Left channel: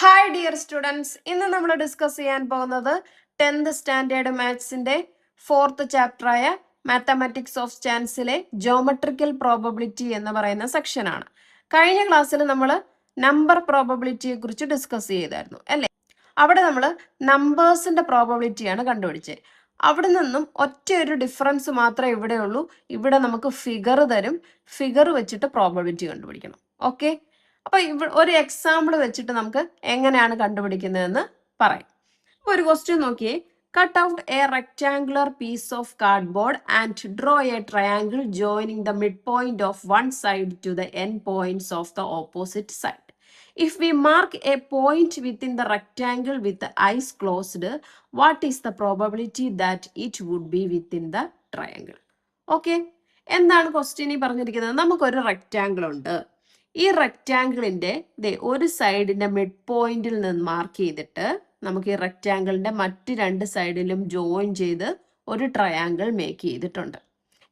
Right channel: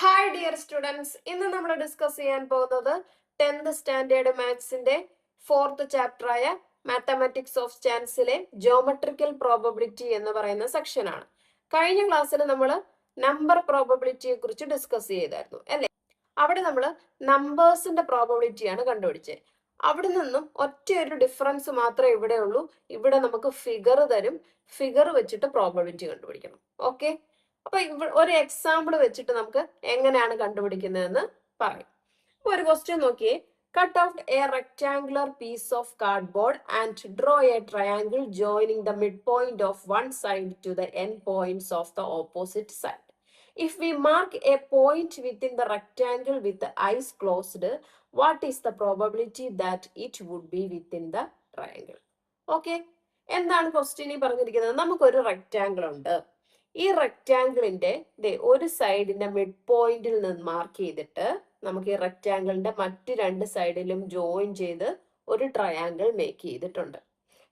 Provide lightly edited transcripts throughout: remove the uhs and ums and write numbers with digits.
Hi dear students, ഇന്ന് നമ്മൾ discuss ചെയ്യാൻ പോകുന്നത് 10th സ്റ്റാൻഡേർഡ് മാത്സിന്റെ 4th ചാപ്റ്ററായ മാത്തമാറ്റിക്സ് ഓഫ് ചാൻസിലെ ജോമെട്രിക്കൽ പ്രോബബിലിറ്റി എന്ന് പറയുന്ന സെക്ഷനാണ്. കഴിഞ്ഞ ക്ലാസ്സിൽ നമ്മൾ നമ്പർ പ്രോബബിലിറ്റിയെ കുറിച്ച് ഡിസ്കസ് ചെയ്തായിരുന്നു അല്ലേ? അവിടെ നമ്മൾ നമ്പേഴ്സിന്റെ പ്രോബബിലിറ്റിയാണ് കണ്ടുപിടിച്ചത്. അവിടെ നിന്നും ഒറ്റ ഒരു ഡിഫറൻസ് മാത്രമേ ഇവിടെ ഉള്ളൂ. ഇവിടെ നമുക്ക് ഫിഗർ തരും, ഫിഗർ വെച്ചിട്ട് പ്രോബബിലിറ്റി കണ്ടുപിടിക്കണം. ഓക്കെ, അപ്പൊ ഒരു എക്സാമ്പിൾ വെച്ചിട്ട് നമുക്ക് എങ്ങനെയാണ് കണ്ടുപിടിക്കുന്നതെന്ന് പറയാം. അപ്പൊ ഒരു ക്വസ്റ്റ്യൻ നോക്കിയേ. Cut out a rectangular piece of cardboard and draw a triangle joining the mid point of one side to the end points of the opposite side. If we mark a point within the rectangle with the eyes closed, what is the probability that it would be within the triangle? Okay, എന്താണ് question പറഞ്ഞിരിക്കുന്നത്? നമുക്കൊരു rectangle ഉണ്ട്. ഈ റെക്റ്റാങ്കിളിന്റെ ഒരു സൈഡിന്റെ mid പോയിന്റിൽ നിന്ന് mark ചെയ്തിട്ട് നമുക്ക് ഈ റെക്റ്റാങ്കിളിന്റെ മറ്റ് രണ്ട് സൈഡിലും ജോയിൻ ചെയ്ത് ഒരു ട്രയാങ്കിൾ മേക്ക് ചെയ്തിട്ടുണ്ട്.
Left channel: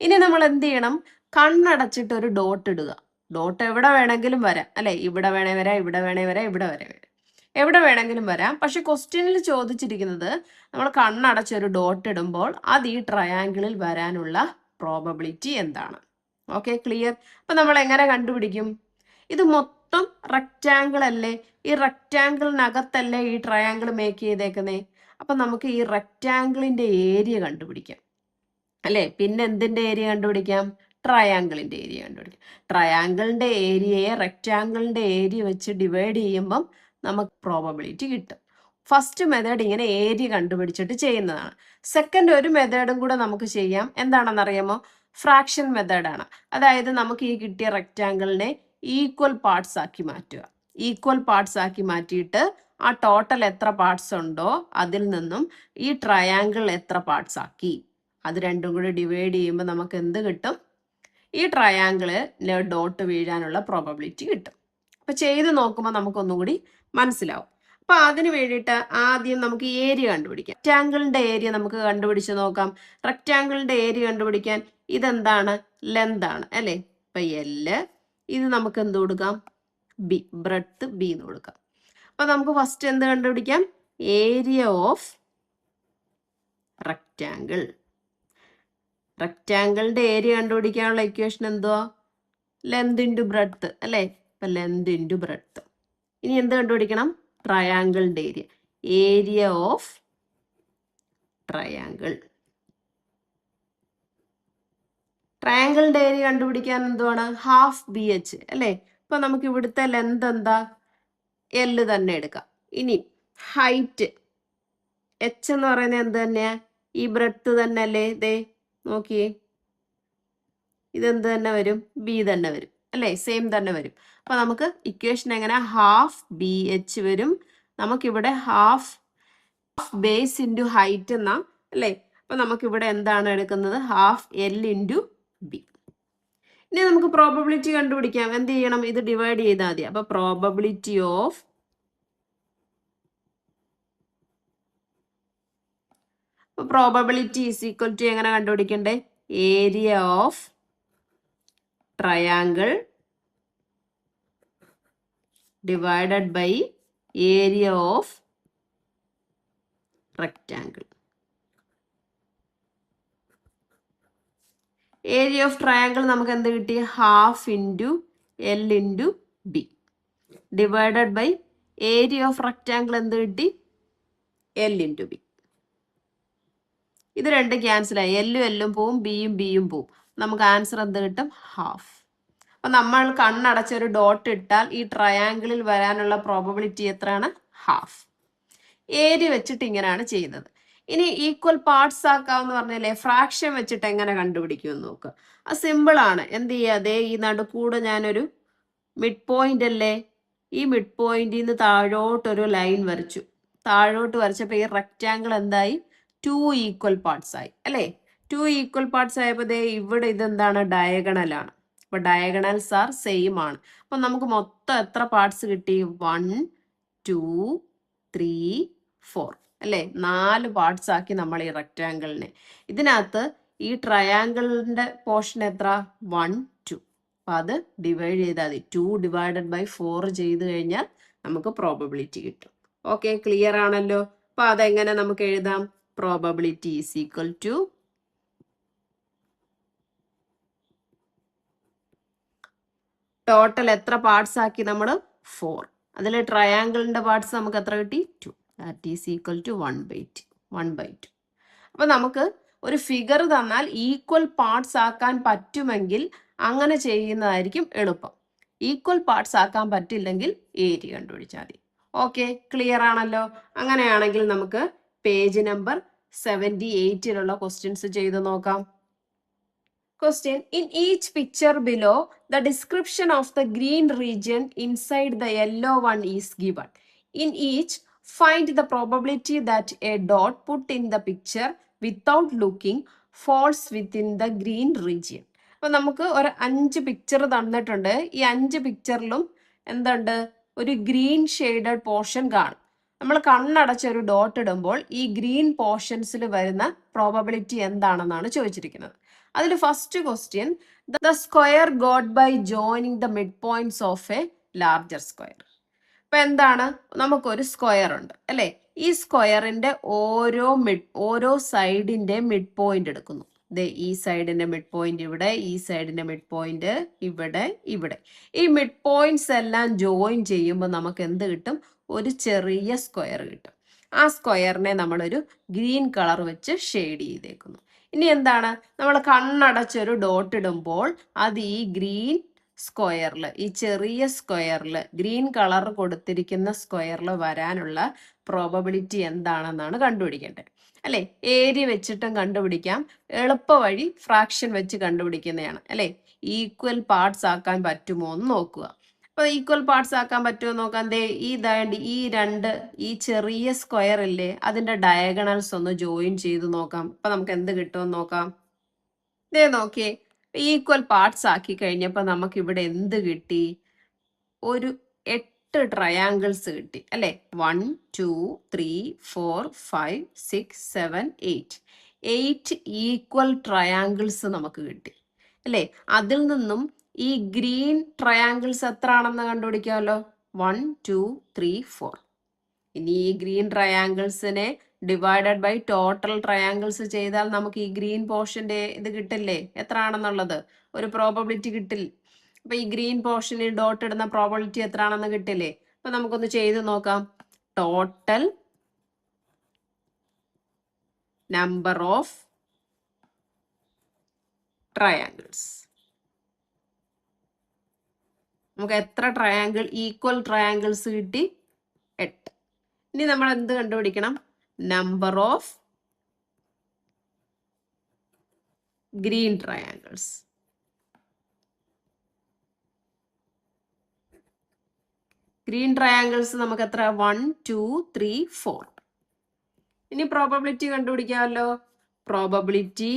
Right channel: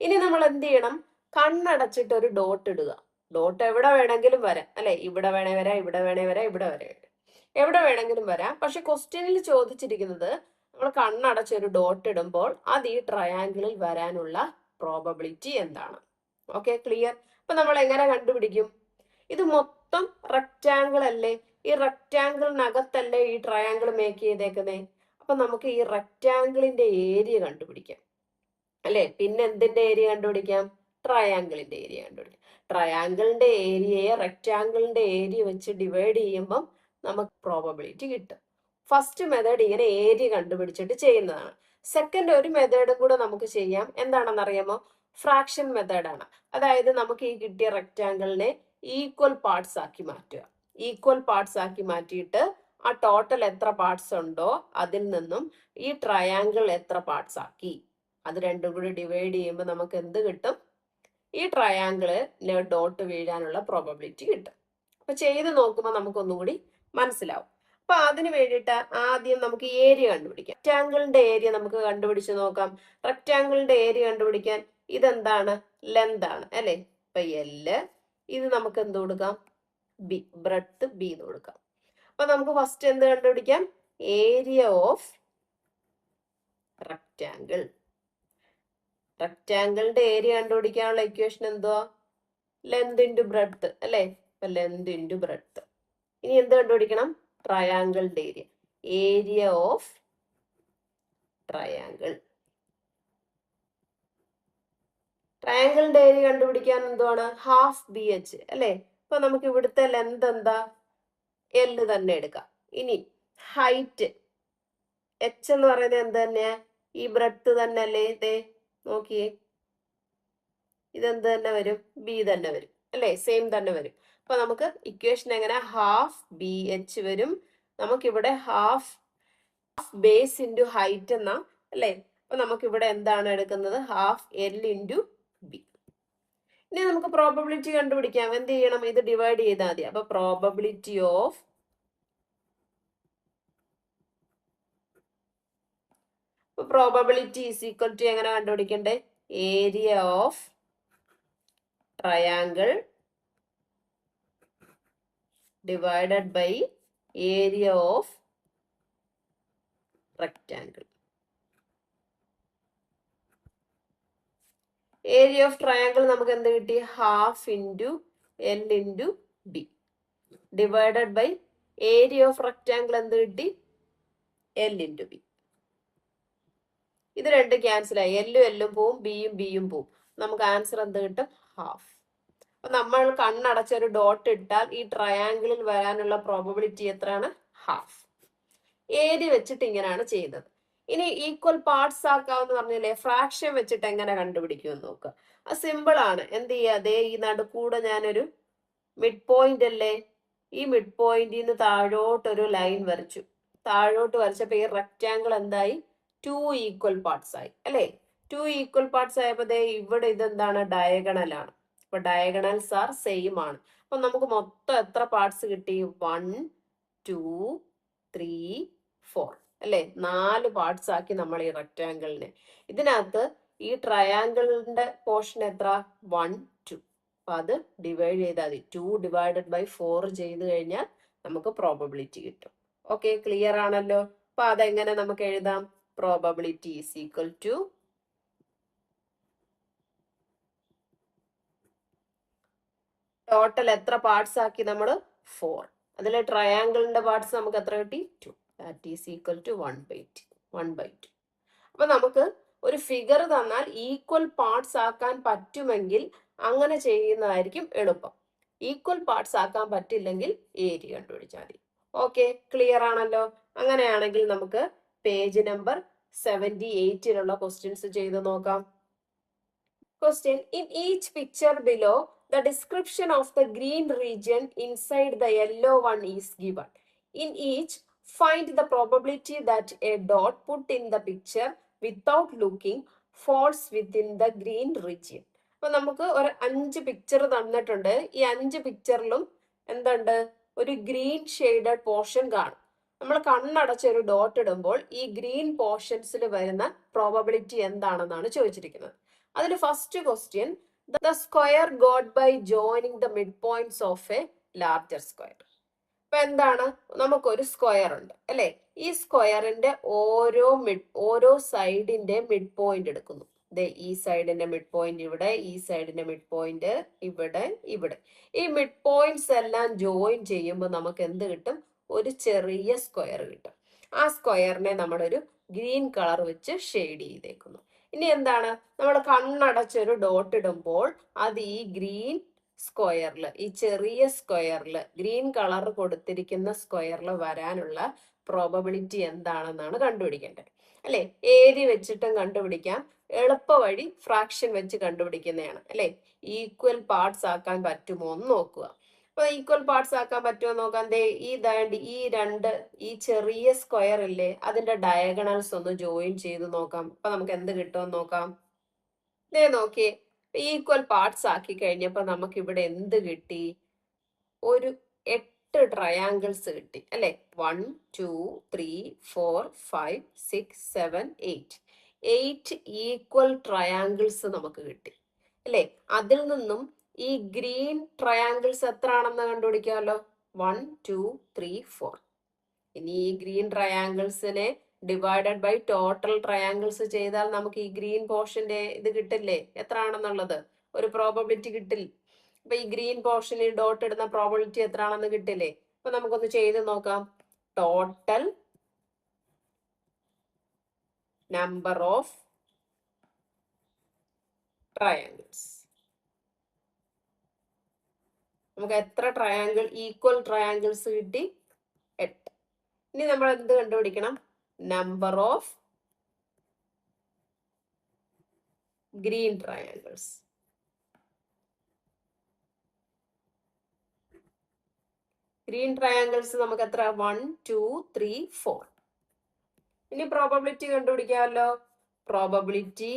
ഇനി നമ്മൾ എന്ത് ചെയ്യണം? കണ്ണടച്ചിട്ട് ഒരു ഡോട്ട് ഇടുക. ഡോട്ട് എവിടെ വേണമെങ്കിലും വരാം അല്ലെ? ഇവിടെ വേണേ വരാം, ഇവിടെ വേണേ വരാം, ഇവിടെ വരെ വരാം, എവിടെ വേണമെങ്കിലും വരാം. പക്ഷെ ക്വസ്റ്റ്യനിൽ ചോദിച്ചിരിക്കുന്നത് നമ്മൾ കണ്ണടച്ചൊരു ഡോട്ട് ഇടുമ്പോൾ അത് ഈ ട്രയാങ്കിളിൽ വരാനുള്ള പ്രോബബിലിറ്റി എന്താണ്? Okay, clear? അപ്പൊ നമ്മൾ എങ്ങനെ കണ്ടുപിടിക്കും? ഇത് മൊത്തം റെക്റ്റാങ്കിൾ അല്ലേ? ഈ റെക്റ്റാങ്കിളിനകത്തല്ലേ ഈ ട്രയാങ്കിൾ മേക്ക് ചെയ്തേക്കുന്നേ? അപ്പൊ നമുക്ക് ഈ റെക്റ്റാങ്കിളിന്റെ ഏരിയ കണ്ടുപിടിക്കാം അല്ലെ? പിന്നെ എന്തിന്റെ ഏരിയ കണ്ടുപിടിക്കാം? ട്രയാങ്കിളിന്റെ ഏരിയ കണ്ടുപിടിക്കാം. ട്രയാങ്കിളിന്റെ ഏരിയയെ റെക്റ്റാങ്കിളിന്റെ ഏരിയ വെച്ച് ഡിവൈഡ് ചെയ്യുമ്പം നമുക്ക് പ്രോബബിലിറ്റി കിട്ടും. ഫസ്റ്റ് മെത്തേഡ് ഇങ്ങനെ ഏരിയ കണ്ടുപിടിച്ചിട്ട് ചെയ്യുന്നതാണ്. സെക്കൻഡ് ഒരു മെത്തേഡും കൂടെ നമുക്ക് ചെയ്യാം. എന്താണെന്നറിയാമോ? ഫ്രാക്ഷൻ മെത്തേഡാണ്. അതായത് നമുക്ക് ഈ കിട്ടിയ റെക്റ്റാങ്കിളിനെ ഈക്വൽ പാർട്സ് ആക്കി മാറ്റുക. ഈക്വൽ പാർട്സ് ആക്കി മാറ്റിയിട്ട് ആ ടോട്ടൽ എത്ര പാർട്സ് ഉണ്ടോ അതിൽ നിന്നും ഈ ട്രയാങ്കിൾ എത്ര പാർട്സ് ആക്കി അത് രണ്ടും കൂടി ഡിവൈഡ് ചെയ്യുമ്പോൾ നമുക്ക് എന്ത് കിട്ടും? ഈ ട്രയാങ്കിളില് ഡോട്ട് വീഴാനുള്ള പ്രോബബിലിറ്റി കിട്ടും. അപ്പൊ ചെയ്ത് നോക്കുമ്പോൾ നമുക്കൊന്നും കൂടി മനസ്സിലാവും. അപ്പൊ അതിന് വേണ്ടിയിട്ട് ആദ്യം നമുക്ക് ഏരിയ കണ്ടുപിടിക്കാം. റെക്റ്റാങ്കിളിന്റെ ഏരിയ നമുക്ക് കണ്ടുപിടിച്ച് നോക്കാം. റെക്റ്റാങ്കിളിന്റെ ഏരിയ കണ്ടുപിടിക്കാൻ ഇതെന്താണ്? ലെന്ത് ആണ് അല്ലെ? ഇപ്പൊ എല്, ഇത് നമുക്ക് എന്ത് കൊടുക്കാം? ബി, ബ്രെഡ്ത്ത് ബി എന്ന് കൊടുക്കാം. അപ്പൊ നമുക്ക് ഫസ്റ്റ് എന്ത് കണ്ടുപിടിക്കാം? Area of rectangle. റെക്റ്റാങ്കിളിന്റെ ഏരിയ കണ്ടുപിടിക്കാനുള്ള ഇക്വേഷൻ എന്തുവാ? ലെന്ത് ഇൻറ്റു ബ്രെഡ്ത്ത് അല്ലേ? ഇപ്പൊ ലെന്ത് ഇൻറ്റു ബ്രെഡ്ത്ത്. ഇനി എന്ത് കണ്ടുപിടിക്കണം? ട്രയാങ്കിളിന്റെ ഏരിയ. Area of triangle. ട്രയാങ്കിളിന്റെ ഏരിയ കണ്ടുപിടിക്കാൻ എന്തുവാണ്? ഹാഫ് ബി എച്ച് അല്ലേ? ഇപ്പൊ നമുക്ക് ഇവിടുത്തെ ലെന്ത് എന്താ? എല് തന്നെ എടുക്കാം. ഇനി ഹൈറ്റ് എച്ച് എന്ന് പറയുന്നത് എന്ത് തന്നെയാ? ഈ ബ്രെഡ്ത്ത് തന്നെ അല്ലേ? ഇതേ നോക്കിയേ, ഇതെന്ത് തന്നെ വരും? ബി തന്നെ വരും അല്ലേ? സെയിം തന്നെ വരും. അപ്പൊ നമുക്ക് ഇക്വേഷൻ എങ്ങനെ? ഹാഫ് ബി എച്ച് വരും. നമുക്കിവിടെ ഹാഫ് ബേസ് ഇൻറ്റു ഹൈറ്റ് എന്നാ അല്ലേ? അപ്പൊ നമുക്കിവിടെ എന്താണ് എടുക്കുന്നത്? Half L into B. ഇനി നമുക്ക് പ്രോബബിലിറ്റി കണ്ടുപിടിക്കാം. എന്ത് ചെയ്യണം? ഇത് ഡിവൈഡ് ചെയ്താൽ മതി. അപ്പൊ probability of probability is equal to എങ്ങനെ കണ്ടുപിടിക്കണ്ടേ? Area of triangle divided by area of rectangle. Area of triangle നമുക്ക് എന്ത് കിട്ടി? Half into L into B divided by area of rectangle എന്ത് കിട്ടി? L into B. ഇത് രണ്ട് ക്യാൻസൽ ആയി. എല്ലും എല്ലും പോവും, ബിയും ബിയും പോവും. നമുക്ക് ആൻസർ എന്ത് കിട്ടും? ഹാഫ്. അപ്പൊ നമ്മൾ കണ്ണടച്ചൊരു ഡോട്ട് ഇട്ടാൽ ഈ ട്രയാങ്കിളിൽ വരാനുള്ള പ്രോബബിലിറ്റി എത്രയാണ്? ഹാഫ്. ഏരിയ വെച്ചിട്ട് ഇങ്ങനെയാണ് ചെയ്യുന്നത്. ഇനി ഈക്വൽ പാർട്സ് ആക്കാന്ന് പറഞ്ഞല്ലേ? ഫ്രാക്ഷൻ വെച്ചിട്ട് എങ്ങനെ കണ്ടുപിടിക്കുമെന്ന് നോക്കുക. അത് സിമ്പിൾ ആണ്. എന്ത് ചെയ്യാതെ ഈ നടുക്കൂടെ ഞാനൊരു മിഡ് പോയിന്റ് അല്ലേ? ഈ മിഡ് പോയിന്റിൽ നിന്ന് താഴോട്ടൊരു ലൈൻ വരച്ചു. താഴോട്ട് വരച്ചപ്പോ ഈ റെക്റ്റാങ്കിൾ എന്തായി? 2 ഈക്വൽ പാർട്സ് ആയി അല്ലേ? 2 ഈക്വൽ പാർട്സ് ആയപ്പോ ഇവിടെ ഇതെന്താണ്? ഡയഗണൽ ആണ്. അപ്പൊ ഡയഗണൽസ് ആർ സെയിം ആണ്. അപ്പൊ നമുക്ക് മൊത്തം എത്ര പാർട്സ് കിട്ടി? 1 2 3 4 അല്ലേ? 4 പാർട്സ് ആക്കി നമ്മൾ ഈ റെക്റ്റാങ്കിളിനെ. ഇതിനകത്ത് ഈ ട്രയാങ്കിളിന്റെ പോർഷൻ എത്ര? 1 2. അപ്പൊ അത് ഡിവൈഡ് ചെയ്താൽ മതി. 2 ഡിവൈഡഡ് ബൈ 4 ചെയ്ത് കഴിഞ്ഞാൽ നമുക്ക് പ്രോബബിലിറ്റി കിട്ടും. ഓക്കെ, ക്ലിയർ ആണല്ലോ? അപ്പൊ അതെങ്ങനെ നമുക്ക് എഴുതാം? Probability is equal to total എത്ര പാർട്സ് ആക്കി നമ്മൾ? 4. അതിൽ ട്രയാങ്കിളിന്റെ പാർട്സ് നമുക്ക് എത്ര കിട്ടി? 2. That is equal to 1/2. അപ്പൊ നമുക്ക് ഒരു ഫിഗർ തന്നാൽ ഈക്വൽ പാർട്സ് ആക്കാൻ പറ്റുമെങ്കിൽ അങ്ങനെ ചെയ്യുന്നതായിരിക്കും എളുപ്പം. ഈക്വൽ പാർട്സ് ആക്കാൻ പറ്റില്ലെങ്കിൽ ഏരിയ കണ്ടുപിടിച്ചാൽ മതി. ഓക്കെ, ക്ലിയർ ആണല്ലോ? അങ്ങനെയാണെങ്കിൽ നമുക്ക് പേജ് നമ്പർ 78-ലുള്ള ക്വസ്റ്റ്യൻസ് ചെയ്ത് നോക്കാം. Question: In each picture below, the description of the green region inside the yellow one is given. In each, find the probability that a dot put in the picture without looking falls within the green region. അപ്പോൾ നമുക്ക് ഒരു 5 picture തന്നിട്ടുണ്ട്. ഈ 5 പിക്ചറിലും എന്തുണ്ട്? ഒരു green shaded portion കാണും. നമ്മൾ കണ്ണടച്ച ഒരു ഡോട്ട് ഇടുമ്പോൾ ഈ ഗ്രീൻ പോർഷൻസിൽ വരുന്ന പ്രോബബിലിറ്റി എന്താണെന്നാണ് ചോദിച്ചിരിക്കുന്നത്. അതിൽ first question, the square got by joining the mid points of a larger square. അപ്പൊ എന്താണ്? നമുക്കൊരു സ്ക്വയർ ഉണ്ട് അല്ലെ? ഈ സ്ക്വയറിന്റെ ഓരോ സൈഡിന്റെ മിഡ് പോയിന്റ് എടുക്കുന്നു. ഈ സൈഡിന്റെ മിഡ് പോയിന്റ് ഇവിടെ, ഈ സൈഡിന്റെ മിഡ് പോയിന്റ് ഇവിടെ, ഇവിടെ. ഈ മിഡ് പോയിന്റ്സ് എല്ലാം ജോയിൻ ചെയ്യുമ്പോൾ നമുക്ക് എന്ത് കിട്ടും? ഒരു ചെറിയ സ്ക്വയർ കിട്ടും. ആ സ്ക്വയറിനെ നമ്മളൊരു ഗ്രീൻ കളർ വെച്ച് ഷെയ്ഡ് ചെയ്തേക്കുന്നു. ഇനി എന്താണ്? നമ്മൾ കണ്ണടച്ചൊരു ഡോട്ട് ഇടുമ്പോൾ അത് ഈ ഗ്രീൻ സ്ക്വയറിൽ, ഈ ചെറിയ സ്ക്വയറിൽ, ഗ്രീൻ കളർ കൊടുത്തിരിക്കുന്ന സ്ക്വയറിൽ വരാനുള്ള പ്രോബബിലിറ്റി എന്താണെന്നാണ് കണ്ടുപിടിക്കേണ്ടത് അല്ലെ? ഏരിയ വെച്ചിട്ടും കണ്ടുപിടിക്കാം. എളുപ്പ വഴി ഫ്രാക്ഷൻ വെച്ച് കണ്ടുപിടിക്കുന്നതാണ് അല്ലെ? ഈക്വൽ പാർട്സ് ആക്കാൻ പറ്റുമോ എന്ന് നോക്കുക. അപ്പൊ ഈക്വൽ പാർട്സ് ആക്കാൻ പറ്റുമോ നോക്കാം. ഈ ചെറിയ സ്ക്വയർ ഇല്ലേ, അതിന്റെ ഡയഗണൽസ് ഒന്ന് ജോയിൻ ചെയ്ത് നോക്കാം. അപ്പൊ നമുക്ക് എന്ത് കിട്ടുമെന്ന് നോക്കാം. നോക്കിയേ, ഈക്വൽ പാർട്സ് ആക്കി കഴിഞ്ഞപ്പോ നമുക്ക് ഇവിടെ എന്ത് കിട്ടി? ഒരു 8 ട്രയാങ്കിൾസ് കിട്ടി അല്ലെ? 1 2 3 4 5 6 7 8 ഈക്വൽ ട്രയാങ്കിൾസ് നമുക്ക് കിട്ടി അല്ലെ? അതിൽ നിന്നും ഈ ഗ്രീൻ ട്രയാങ്കിൾസ് എത്ര ആണെന്ന് കണ്ടുപിടിക്കാമല്ലോ. 1 2 3 4. ഇനി ഈ ഗ്രീൻ ട്രയാങ്കിൾസിനെ ഡിവൈഡഡ് ബൈ ടോട്ടൽ ട്രയാങ്കിൾസ് ചെയ്താൽ നമുക്ക് ഈ ഗ്രീൻ പോർഷന്റെ ഇത് കിട്ടില്ലേ? എത്ര ആണെന്നുള്ളത് ഒരു പ്രോബബിലിറ്റി കിട്ടില്ല. അപ്പൊ ഈ ഗ്രീൻ പോർഷനിൽ ഡോട്ട് ഇടുന്ന പ്രോബബിലിറ്റി എത്ര ആണെന്ന് കിട്ടില്ലേ? അപ്പൊ നമുക്കൊന്ന് ചെയ്ത് നോക്കാം. Total number of triangles. നമുക്ക് എത്ര ഈക്വൽ ട്രയാങ്കിൾസ് കിട്ടി? 8. ഇനി നമ്മൾ എന്ത് കണ്ടുപിടിക്കണം? Number of green triangles. Green triangles നമുക്ക് എത്ര? 1 2 3 4. ഇനി പ്രോബബിലിറ്റി കണ്ടുപിടിക്കാമല്ലോ. Probability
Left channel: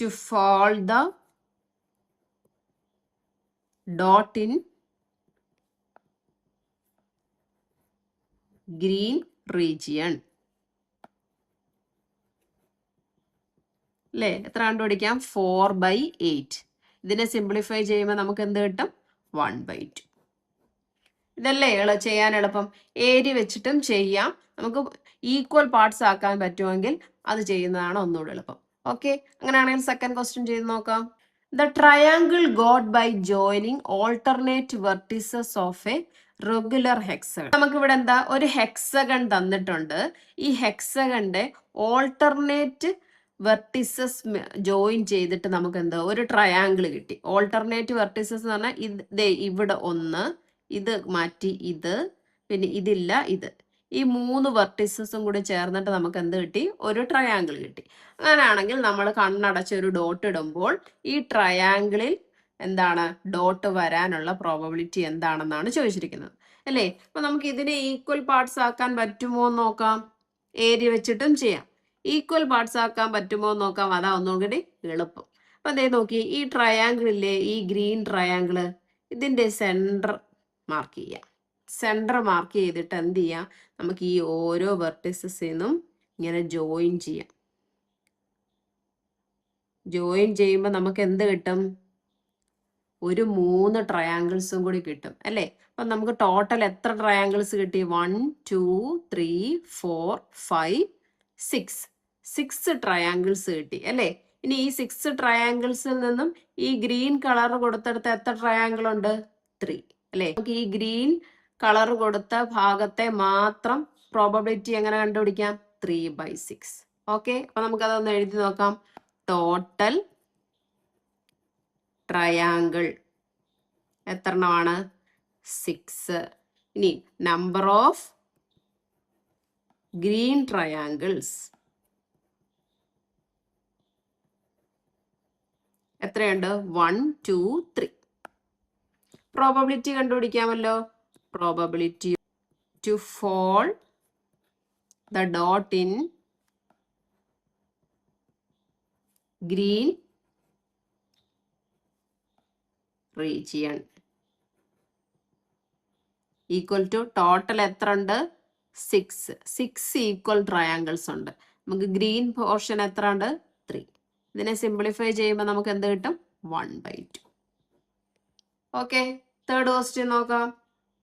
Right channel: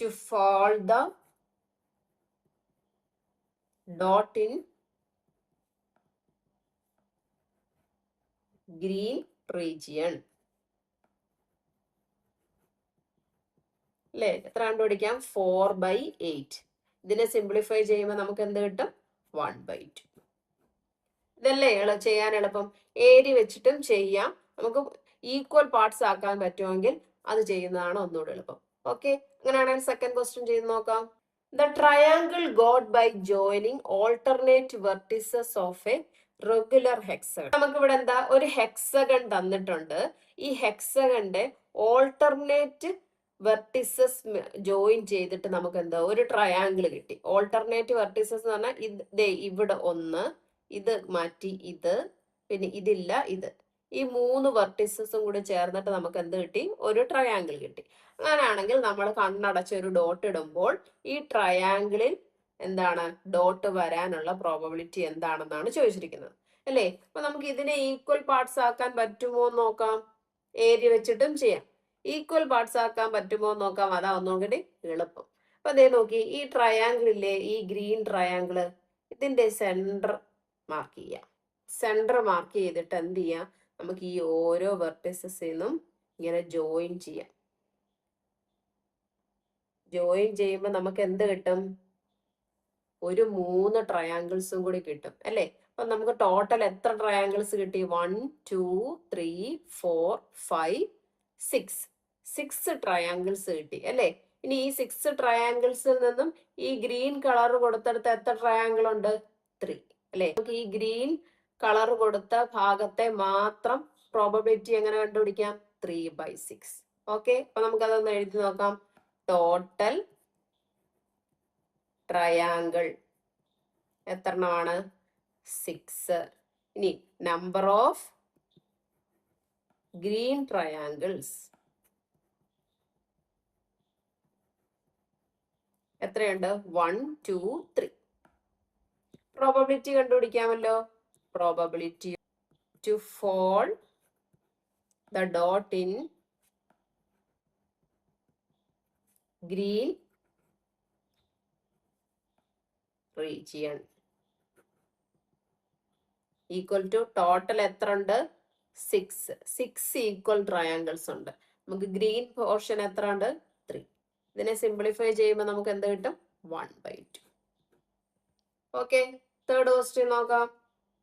to fall the dot in green region. അല്ലേ? എത്ര കണ്ടുപിടിക്കാം? 4/8. ഇതിനെ സിംപ്ലിഫൈ ചെയ്യുമ്പോൾ നമുക്ക് എന്ത് കിട്ടും? 1/2. ഇതല്ലേ ചെയ്യാൻ എളുപ്പം. ഏരിയ വെച്ചിട്ടും ചെയ്യാം. നമുക്ക് ഈക്വൽ പാർട്സ് ആക്കാൻ പറ്റുമെങ്കിൽ അത് ചെയ്യുന്നതാണ് ഒന്നുകൂടി എളുപ്പം. ഓക്കെ, അങ്ങനെയാണെങ്കിൽ സെക്കൻഡ് ക്വസ്റ്റ്യൻ ചെയ്ത് നോക്കാം. The triangle got by joining alternate vertices of a regular hexagon. നമുക്ക് ഇവിടെ എന്താ? ഒരു ഹെക്സഗൺ തന്നിട്ടുണ്ട്. ഈ ഹെക്സഗണിന്റെ ഓൾട്ടർനേറ്റ് വെർട്ടിസസ് ജോയിൻ ചെയ്തിട്ട് നമുക്ക് എന്താ? ഒരു ട്രയാങ്കിൾ കിട്ടി. ഓൾട്ടർനേറ്റ് വെർട്ടിസസ് എന്ന് പറഞ്ഞാൽ ഇവിടെ 1, ഇത് മാറ്റി ഇത്, പിന്നെ ഇതില്ല ഇത്. ഈ 3 വെർട്ടിസസും കൂടി ചേർന്നിട്ട് നമുക്ക് എന്ത് കിട്ടി? ഒരു ട്രയാങ്കിൾ കിട്ടി. അങ്ങനെയാണെങ്കിൽ നമ്മൾ കണ്ണടച്ച് ഒരു ഡോട്ട് ഇടുമ്പോൾ ഈ ട്രയാങ്കിളിൽ എന്താണ്? ഡോട്ട് വരാനുള്ള പ്രോബബിലിറ്റി എന്താണെന്നാണ് ചോദിച്ചിരിക്കുന്നത് അല്ലേ? അപ്പൊ നമുക്ക് ഇതിനെ ഈക്വൽ പാർട്സ് ആക്കാൻ പറ്റുമോ എന്ന് നോക്കാം. ഏരിയ വെച്ചിട്ടും ചെയ്യാം. ഈക്വൽ പാർട്സ് ആക്കാൻ പറ്റുമോ എന്ന് നോക്കാം. അതാ ഒന്നും കൂടി എളുപ്പം. അപ്പൊ നോക്കി, ഈ ട്രയാങ്കിളില്ലേ, ഈ ഗ്രീൻ ട്രയാങ്കിള്, ഇതിന്റെ സെന്റർ മാർക്ക് ചെയ്യാം. സെന്റർ മാർക്ക് ചെയ്തിട്ട് എന്ത് ചെയ്യാം? നമുക്ക് ഈ ഓരോ വെർട്ടിസസിന്നും ഇങ്ങനെ ജോയിൻ ചെയ്യാം. ജോയിൻ ചെയ്യുമ്പോൾ നമുക്ക് എന്ത് കിട്ടും? ഒരു 3 ട്രയാങ്കിൾസും കൂടി കിട്ടും അല്ലേ? അപ്പൊ നമുക്ക് ടോട്ടൽ എത്ര ട്രയാങ്കിൾസ് കിട്ടി? 1 2 3 4 5 6 6 ട്രയാങ്കിൾസ് കിട്ടി അല്ലേ? ഇനി ഈ 6 ട്രയാങ്കിൾസിൽ നിന്നും ഈ ഗ്രീൻ കളർ കൊടുത്തെടുത്ത് എത്ര ട്രയാങ്കിൾ ഉണ്ട്? 3 അല്ലേ? നമുക്ക് ഈ ഗ്രീൻ കളർ കൊടുത്ത ഭാഗത്തെ മാത്രം പ്രോബബിലിറ്റി എങ്ങനെ കണ്ടുപിടിക്കാം? 3/6. ഓക്കെ, അപ്പൊ നമുക്ക് അതൊന്ന് എഴുതി നോക്കാം. ടോട്ടൽ ട്രയാങ്കിൾ എത്ര എണ്ണമാണ്? 6. ഇനി നമ്പർ ഓഫ് ഗ്രീൻ ട്രയാങ്കിൾസ് എത്രയുണ്ട്? 1 2 3. പ്രോബബിലിറ്റി കണ്ടുപിടിക്കാമല്ലോ. Probability to fall the dot in green region equal to total എത്ര ഉണ്ട്? 6 ഈക്വൽ ട്രയാങ്കിൾസ് ഉണ്ട്. നമുക്ക് ഗ്രീൻ പോർഷൻ എത്ര ഉണ്ട്? 3. ഇതിനെ സിംപ്ലിഫൈ ചെയ്യുമ്പോൾ നമുക്ക് എന്ത് കിട്ടും? 1/2. ഓക്കെ, തേർഡ് ക്വസ്റ്റ്യൻ നോക്കാം.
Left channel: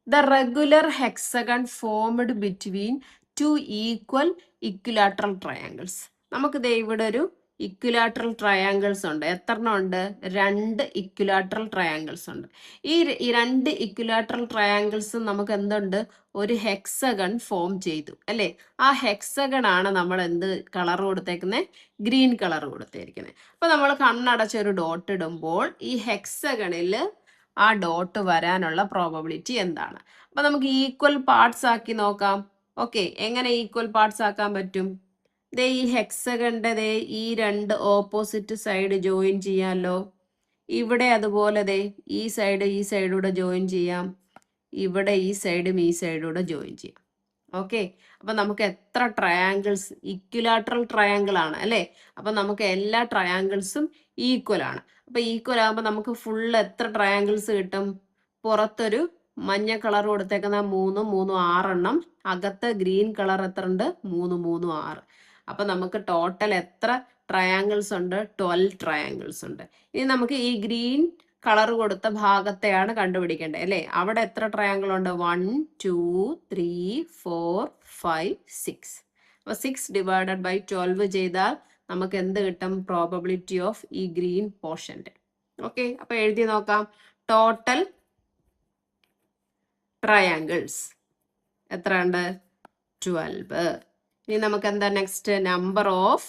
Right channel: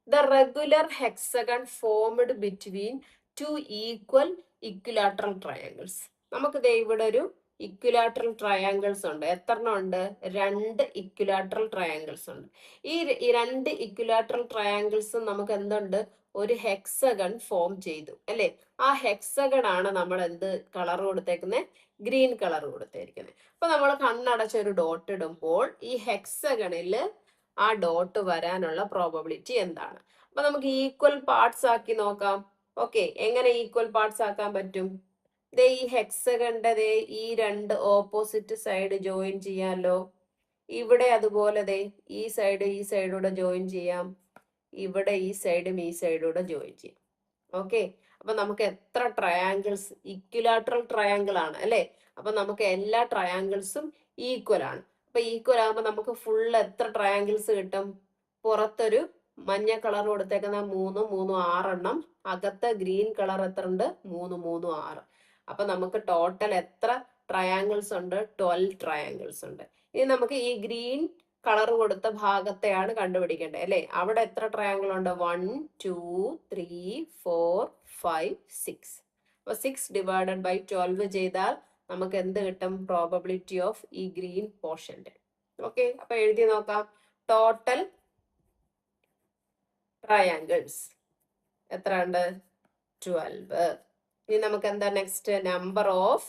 The regular hexagon formed between two equal equilateral triangles. നമുക്ക് ദേ ഇവിടെ ഒരു ഇക്വിലാറ്ററൽ ട്രയാങ്കിൾസ് ഉണ്ട്. എത്ര എണ്ണം ഉണ്ട്? 2 ഇക്വിലാറ്ററൽ ട്രയാങ്കിൾസ് ഉണ്ട്. ഈ 2 ഇക്വിലാറ്ററൽ ട്രയാങ്കിൾസും നമുക്ക് എന്തുണ്ട്? ഒരു ഹെക്സഗൺ ഫോം ചെയ്തു അല്ലേ? ആ ഹെക്സഗൺ ആണ് നമ്മൾ എന്ത് കളർ കൊടുത്തേക്കുന്നത്? ഗ്രീൻ കളർ കൊടുത്തേക്കുന്നത്. അപ്പൊ നമ്മൾ കണ്ണടച്ച ഒരു ഡോട്ട് ഇടുമ്പോൾ ഈ ഹെക്സഗണിൽ ആ ഡോട്ട് വരാനുള്ള പ്രോബബിലിറ്റി എന്താണ്? അപ്പൊ നമുക്ക് ഈക്വൽ പാർട്സ് ആക്കി നോക്കാം. ഓക്കെ, എങ്ങനെ ഈക്വൽ പാർട്സ് ആക്കാൻ പറ്റും? ദേ ഈ ഹെക്സഗണിന്റെ ദേ ഈ 2 ഓപ്പോസിറ്റ് സൈഡ് ജോയിൻ ചെയ്യാമല്ലോ. ഇവിടെ അതുപോലെ ദേ ഈ സൈഡൂടെ ജോയിൻ ചെയ്യാം. ഇവിടെ ഈ സൈഡും ഈ സൈഡൂടെ ജോയിൻ ചെയ്യാം. ഓക്കെ, അപ്പൊ നമുക്ക് എത്ര ട്രയാങ്കിൾസ്? ഇക്വിലാറ്ററൽ ട്രയാങ്കിൾ ആണ് അല്ലേ? അപ്പൊ നമുക്ക് എല്ലാ ട്രയാങ്കിൾസും ഈക്വൽ ആണ്. അപ്പൊ ഈക്വൽ ആകുമ്പോൾ നമുക്ക് ഫുൾ എത്ര ട്രയാങ്കിൾസ് കിട്ടും? പുറത്തൊരു മഞ്ഞ കളർ കൊടുത്തേക്കുന്ന 3 3 6 എണ്ണം, അകത്ത് ഗ്രീൻ കളർ എത്ര ഉണ്ട്? 3 3 6. അപ്പൊ നമുക്ക് ടോട്ടൽ എത്ര ട്രയാങ്കിൾസ് ഉണ്ട്? 12 ട്രയാങ്കിൾസ് ഉണ്ട്. ഇനി നമുക്ക് ഈ ഗ്രീൻ കളർ കൊടുത്ത ഭാഗത്തെയാണ് കണ്ടുപിടിക്കേണ്ടത് അല്ലേ? അവിടെ എത്ര ട്രയാങ്കിൾ ഉണ്ട്? 1 2 3 4 5 6. അപ്പൊ 6 ഡിവൈഡഡ് ബൈ 12 ചെയ്താൽ നമുക്ക് എന്ത് കിട്ടും? പ്രോബബിലിറ്റി ഓഫ് ഈ ഗ്രീൻ പോർഷന്റെ. ഓക്കെ, അപ്പൊ എഴുതി നോക്കാം. ടോട്ടൽ ട്രയാങ്കിൾസ് എത്ര ഉണ്ട്? 12. ഇനി നമുക്ക് എന്താ next? Number of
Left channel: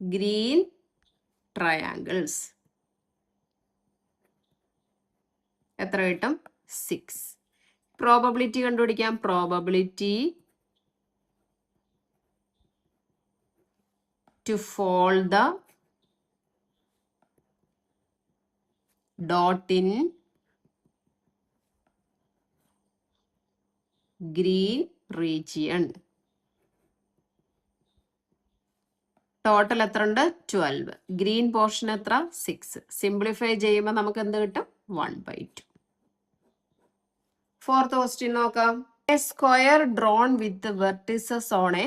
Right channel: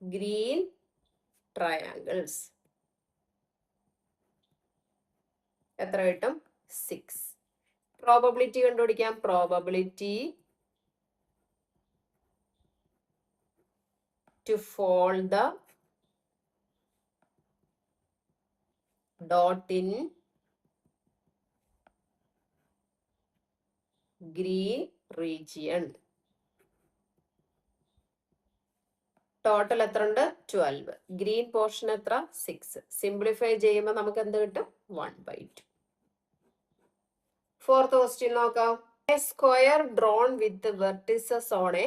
green triangles എത്ര കിട്ടും? 6. പ്രോബബിലിറ്റി കണ്ടുപിടിക്കാം. Probability to fall the dot in green region. Total എത്ര ഉണ്ട്? 12. ഗ്രീൻ പോർഷൻ എത്ര? 6. സിംപ്ലിഫൈ ചെയ്യുമ്പോൾ നമുക്ക് എന്ത് കിട്ടും? 1/2. ഫോർത്ത് ക്വസ്റ്റ്യൻ നോക്കാം. A square drone with vertices on A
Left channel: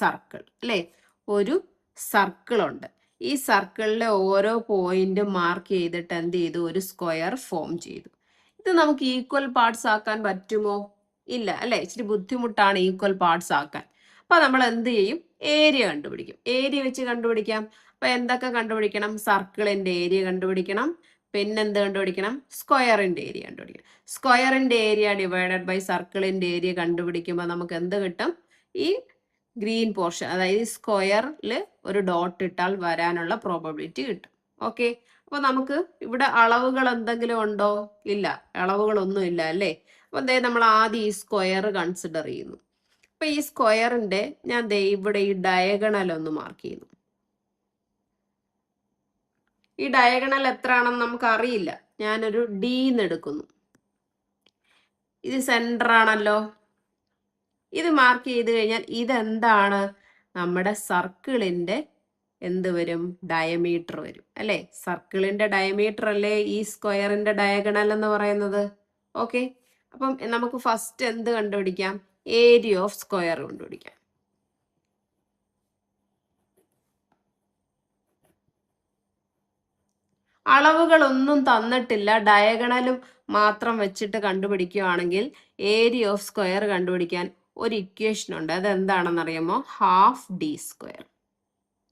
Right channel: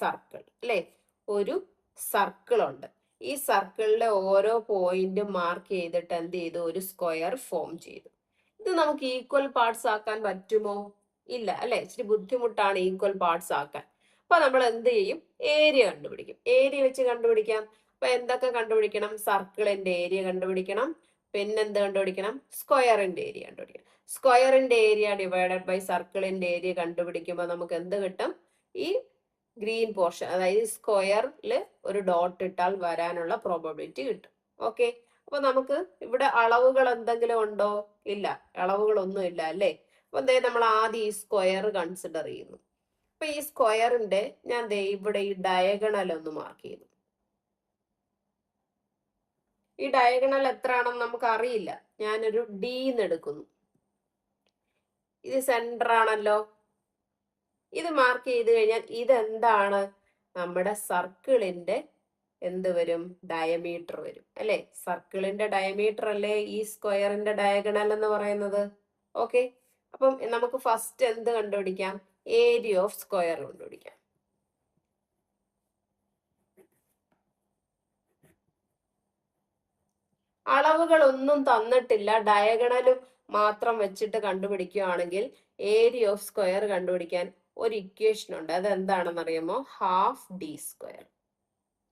circle അല്ലേ? ഒരു സർക്കിൾ ഉണ്ട്. ഈ സർക്കിളിലെ ഓരോ പോയിന്റ് മാർക്ക് ചെയ്തിട്ട് എന്ത് ചെയ്തു? ഒരു സ്ക്വയർ ഫോം ചെയ്തു. ഇത് നമുക്ക് ഈക്വൽ പാർട്സ് ആക്കാൻ പറ്റുമോ? ഇല്ല അല്ലെ? ഇച്ചിരി ബുദ്ധിമുട്ടാണ് ഈക്വൽ പാർട്സ് ആക്കാൻ. അപ്പൊ നമ്മൾ എന്ത് ചെയ്യും? ഏരിയ കണ്ടുപിടിക്കും. ഏരിയ വെച്ച് കണ്ടുപിടിക്കാം. അപ്പൊ എന്തൊക്കെ കണ്ടുപിടിക്കണം? സർക്കിളിന്റെ ഏരിയ കണ്ടുപിടിക്കണം. പിന്നെന്ത് കണ്ടുപിടിക്കണം? സ്ക്വയറിന്റെ ഏരിയ കണ്ടുപിടിക്കണം. സ്ക്വയറിന്റെ ഏരിയ ഡിവൈഡഡ് ബൈ സർക്കിളിന്റെ ഏരിയ കണ്ടുപിടിക്കുമ്പോൾ നമുക്ക് എന്ത് കിട്ടും? ഈ ഗ്രീൻ പോർഷൻ, അതായത് സ്ക്വയറിൽ ഒരു ഡോട്ട് ഇട്ടാൽ വരാനുള്ള പ്രോബബിലിറ്റി കിട്ടും. ഓക്കെ, അപ്പൊ നമുക്ക് ഇവിടെ അളവുകൾ എന്തെങ്കിലും ഉണ്ടോ? ഇല്ല, അളവുകളൊന്നും ഇല്ല അല്ലേ? അപ്പൊ ദേ നമ്മൾ ആദ്യം ഈ സ്ക്വയർ കൺസിഡർ ചെയ്യുന്നു. അപ്പൊ ഈ സ്ക്വയറിന്റെ ഞാൻ ദേ ഇവിടെ ഈ ഡയഗണൽ ഒന്ന് മാർക്ക് ചെയ്യുന്നു. ഈ ഡയഗണൽ എത്ര ആണെന്ന് നമുക്ക് അറിയില്ല. ഞാനൊരു D എന്ന് എടുക്കുന്നു. ഇത് സെന്റർ ആണല്ലോ. ഇത് മാർക്ക് ചെയ്ത് കഴിഞ്ഞാൽ ഇതെന്താണ്? നമ്മുടെ സർക്കിളിന്റെ എന്ത് വരും? ഡയമീറ്റർ വരും അല്ലെ? സർക്കിളിന്റെ ഡയമീറ്റർ അല്ലേ ഈ സ്ക്വയറിന്റെ ഡയഗണൽ എന്ന് പറയുന്നത്. ഓക്കെ, അപ്പം നമുക്ക് ഫസ്റ്റ് എന്ത് കണ്ടുപിടിക്കാം? ഏരിയ ഓഫ് സ്ക്വയർ കണ്ടുപിടിക്കാം. അളവുകളൊന്നും തന്നിട്ടില്ല, ഡയഗണലും മാത്രം വെച്ചിട്ട് കണ്ടുപിടിക്കുകയാണെങ്കിൽ ഏരിയ ഓഫ് സ്ക്വയർ കണ്ടുപിടിക്കാൻ ഒരു ഇക്വേഷൻ ഉണ്ട്. അത് എന്താണെന്ന് അറിയാമോ? Half D square.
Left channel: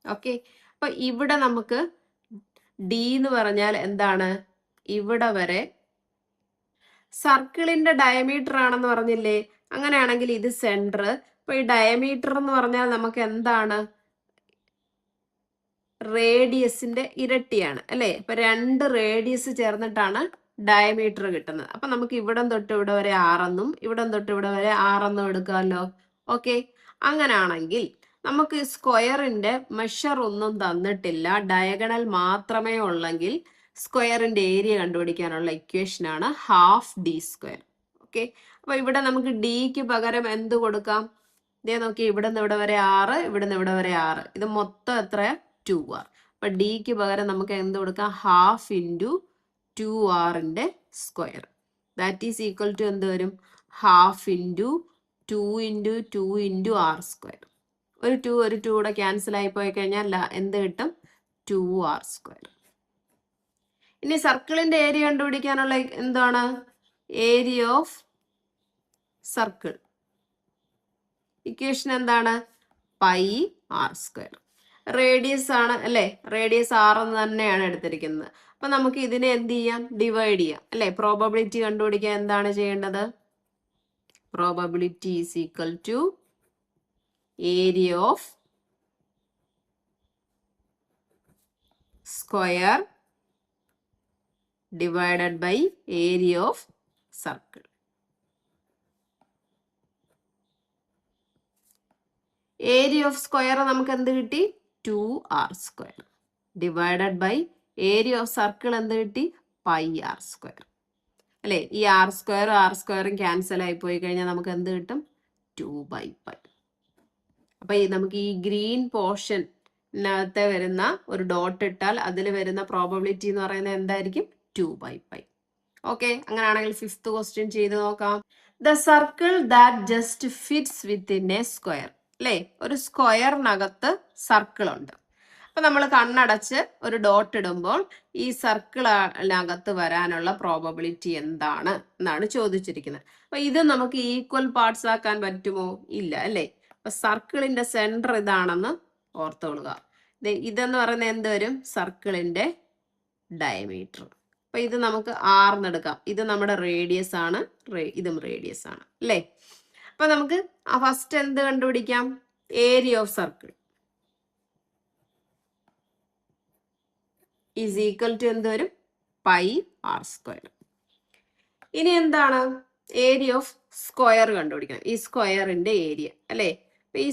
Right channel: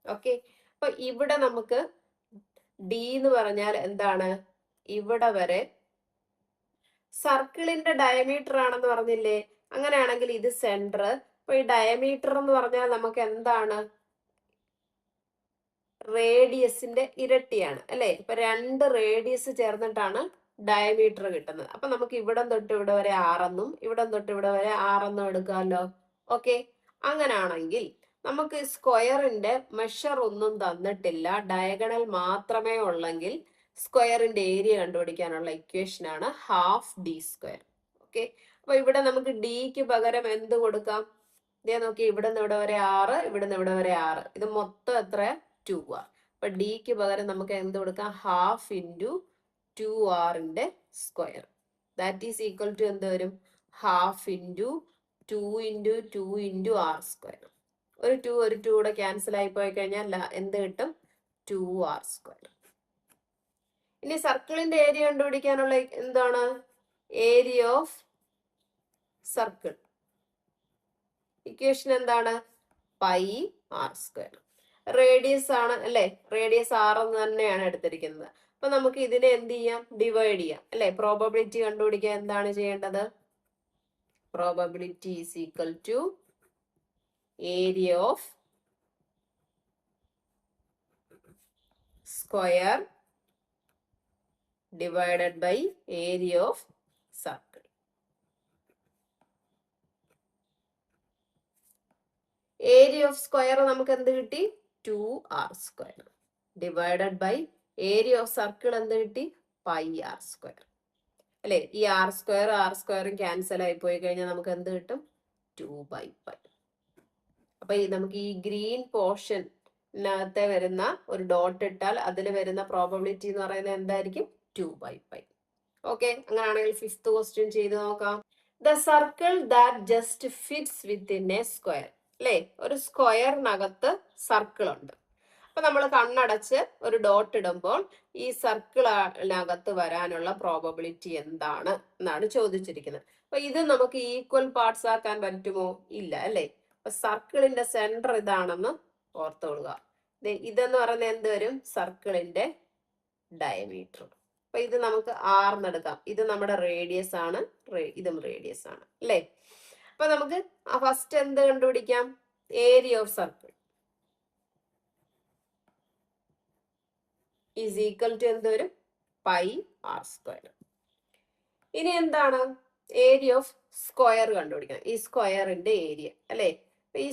ഓക്കെ, അപ്പൊ ഇവിടെ നമുക്ക് ഡി എന്ന് പറഞ്ഞാൽ എന്താണ്? ഇവിടെ വരെ സർക്കിളിന്റെ ഡയമീറ്റർ ആണെന്ന് പറഞ്ഞില്ലേ? അങ്ങനെയാണെങ്കിൽ ഇത് സെന്റർ. അപ്പൊ ഈ ഡയമീറ്റർ എന്ന് പറഞ്ഞാൽ നമുക്ക് എന്താണ്? റേഡിയസിന്റെ ഇരട്ടിയാണ് അല്ലെ? അപ്പൊ 2 റേഡിയസ് ചേർന്നിട്ടാണ് ഡയമീറ്റർ കിട്ടുന്നത്. അപ്പൊ നമുക്ക് ഇവിടം തൊട്ട് ഇവിടെ വരെ 6 എന്നും ഇവിടം തൊട്ട് ഇവിടെ വരെ 6 എന്നും എടുക്കാമല്ലോ. ഓക്കെ, അങ്ങനെയാണെങ്കിൽ നമുക്ക് സ്ക്വയറിന്റെ മെഷർ ഒന്നും തന്നിട്ടില്ല, ഡയഗണൽ മാത്രമേ ഉള്ളെങ്കിൽ സ്ക്വയറിന്റെ ഏരിയ കണ്ടുപിടിക്കാനുള്ള ഇക്വേഷൻ ആണ് ഹാഫ് ഡി സ്ക്വയർ. ഓക്കെ, അപ്പൊ ഇവിടെ നമുക്ക് ഡിക്ക് പകരം എന്ത് കൊടുക്കാം? ഇതേ നോക്കി, ഇവിടുന്ന് ഇവിടെ വരെ 6, ഇവിടുന്ന് ഇവിടെ വരെ 6, ഇത് മൊത്തം എത്ര? 2r. അപ്പൊ ഡിക്ക് പകരം നമുക്ക് എന്ത് കൊടുക്കാം? ഹാഫ് ഇൻറ്റു 2rന്റെ square. That is equal to എന്ത് വരും? Half into 2 into 2 into R square. ഒരു 2 കൂടെ ക്യാൻസൽ ആയി പോയി കഴിഞ്ഞാൽ എന്ത് കിട്ടും? 2r square. ഇനി സർക്കിളിന്റെ ഏരിയ കണ്ടുപിടിക്കാനുള്ള എന്താണ്? Area of circle. ഇക്വേഷൻ എന്താണ്? Pi R square. റേഡിയസ് ആണ് അല്ലെ? റേഡിയസ് 6 എന്ന് തന്നെയാണ് എടുത്തിരിക്കുന്നത്. അപ്പൊ നമുക്ക് ഇതിനെ എന്ത് ചെയ്യാം? ഡിവൈഡ് ചെയ്യാം അല്ലെ? പ്രോബബിലിറ്റി കണ്ടുപിടിക്കാൻ എന്താണ് ചെയ്യേണ്ടത്? Probability is equal to area of square divided by area of circle. Area of square നമുക്ക് എന്ത് കിട്ടി? 2r square divided by area of circle എന്ത് കിട്ടി? പൈ ആർ സ്ക്വയർ അല്ലെ? ഈ ആർ സ്ക്വയറും ക്യാൻസൽ ആയി പോയി കഴിഞ്ഞാൽ നമുക്ക് എന്ത് കിട്ടും? 2/π. അപ്പൊ നമുക്ക് ഈ ഗ്രീൻ പോർഷനകത്തെ വരുന്ന ഒരു ഡോട്ട് ഇട്ടാൽ അതിൽ വരുന്ന പ്രോബബിലിറ്റി എന്ന് പറയുന്നത് എന്തായിരിക്കും? 2/π. ഓക്കെ, അങ്ങനെയാണെങ്കിൽ 5th ക്വസ്റ്റ്യൻ ചെയ്ത് നോക്കാം. The circle that just fits within a square അല്ലേ? ഒരു സ്ക്വയറിനകത്ത് സർക്കിൾ ഉണ്ട്. അപ്പൊ നമ്മൾ കണ്ണടച്ച് ഒരു ഡോട്ട് ഇടുമ്പോൾ ഈ സർക്കിളിനകത്ത് വരാനുള്ള പ്രോബബിലിറ്റി എന്താണ് എന്നാണ് ചോദിച്ചിരിക്കുന്നത്. അപ്പൊ ഇത് നമുക്ക് ഈക്വൽ പാർട്സ് ആക്കാൻ പറ്റുമോ? ഇല്ല അല്ലേ? അപ്പൊ സർക്കിളിന്റെ സെന്റർ ഇതാണെന്ന് ഓർത്തോളുക. ഇതെന്ന് പറയുന്നത് എന്ത് വരും? സർക്കിളിന്റെ ഡയമീറ്റർ. അപ്പൊ ഇത് നമുക്ക് ആർന്ന് എടുക്കാം. ഇത് നമ്മുടെ റേഡിയസ് ആണ്, ഇതും റേഡിയസ് ആണ് അല്ലേ? അപ്പൊ നമുക്ക് ഫസ്റ്റ് എന്ത് കണ്ടുപിടിക്കാം? Area of circle is equal to എന്ത് വരും? Pi R square. ഇനി എന്താണ്? ഏരിയ ഓഫ് സ്ക്വയർ കണ്ടുപിടിക്കണം. ഈ സ്ക്വയറിന്റെ ഏരിയ അല്ലെ? ഈ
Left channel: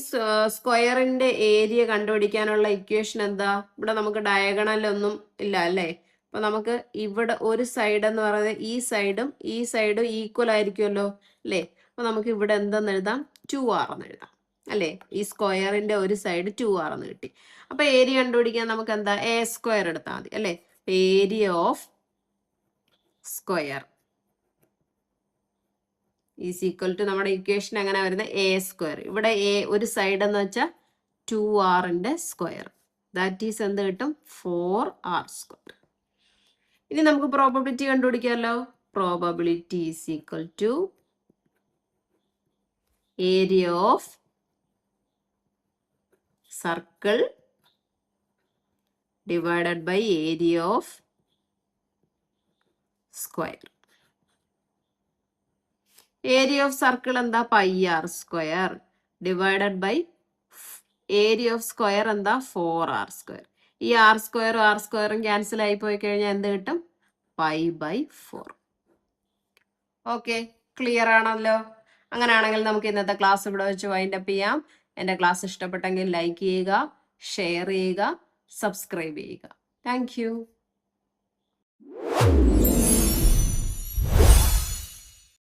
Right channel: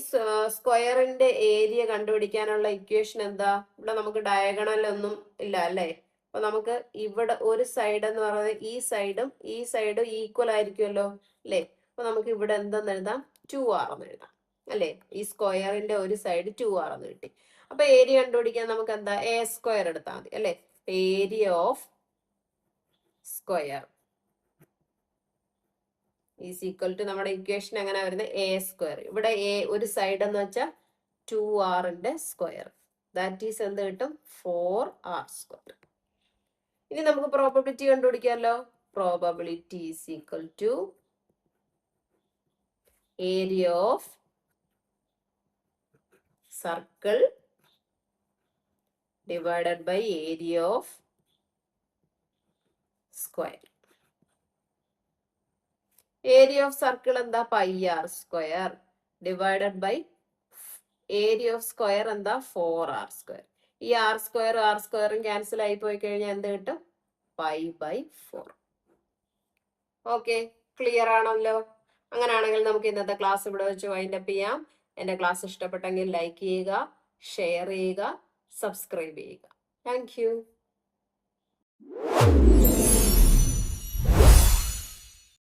സ്ക്വയറിന്റെ ഏരിയ കണ്ടുപിടിക്കാനുള്ള ഇക്വേഷൻ എന്താ? ഇവിടെ നമുക്ക് ഡയഗണൽ ഒന്നും ഇല്ല അല്ലെ? അപ്പൊ നമുക്ക് ഇവിടെ ഒരു സൈഡ് എന്ന് പറയുന്നത് ഈ സൈഡും ഈക്വൽ ആയിരിക്കുമല്ലോ അല്ലെ? അപ്പൊ നമുക്ക് ഇവിടെ എന്തെന്ന് എഴുതാം? 2r എന്ന് എഴുതാം അല്ലെ? ഈ സ്ക്വയറിന്റെ ഒരു സൈഡ് 2r എന്ന് കിട്ടി. അപ്പൊ ഏരിയ കണ്ടുപിടിക്കാൻ നമുക്ക് എന്താ? എ സ്ക്വയർ എടുത്താൽ മതി അല്ലെ? Area of square is equal to നമ്മുടെ ഇക്വേഷൻ എങ്ങനെ വരുന്നത്? A square. ഇവിടെ എ ഒരു സൈഡ് എന്ന് വെച്ചാൽ 2rന്റെ സ്ക്വയർ. ദാറ്റ് ഈസ് എന്ത് കിട്ടും? 4r square. ഇനി നമുക്ക് പ്രോബബിലിറ്റി കണ്ടുപിടിക്കാമല്ലോ. Probability is equal to area of circle divided by area of square. Area of circle എന്താ? Pi R square divided by area of square എന്താ? 4r square. ഈ R സ്ക്വയറും cancel ആയി പോയി കഴിഞ്ഞാൽ എന്ത് കിട്ടും? π/4. ഓക്കെ, ക്ലിയർ ആണല്ലോ? അങ്ങനെയാണെങ്കിൽ നമുക്ക് ഇന്നത്തെ ക്ലാസ് ഇവിടെ വെച്ച് വൈൻഡപ്പ് ചെയ്യാം. എൻ്റെ ക്ലാസ് ഇഷ്ടപ്പെട്ടെങ്കിൽ ലൈക്ക് ചെയ്യുക, ഷെയർ ചെയ്യുക, സബ്സ്ക്രൈബ് ചെയ്യുക. Thank you.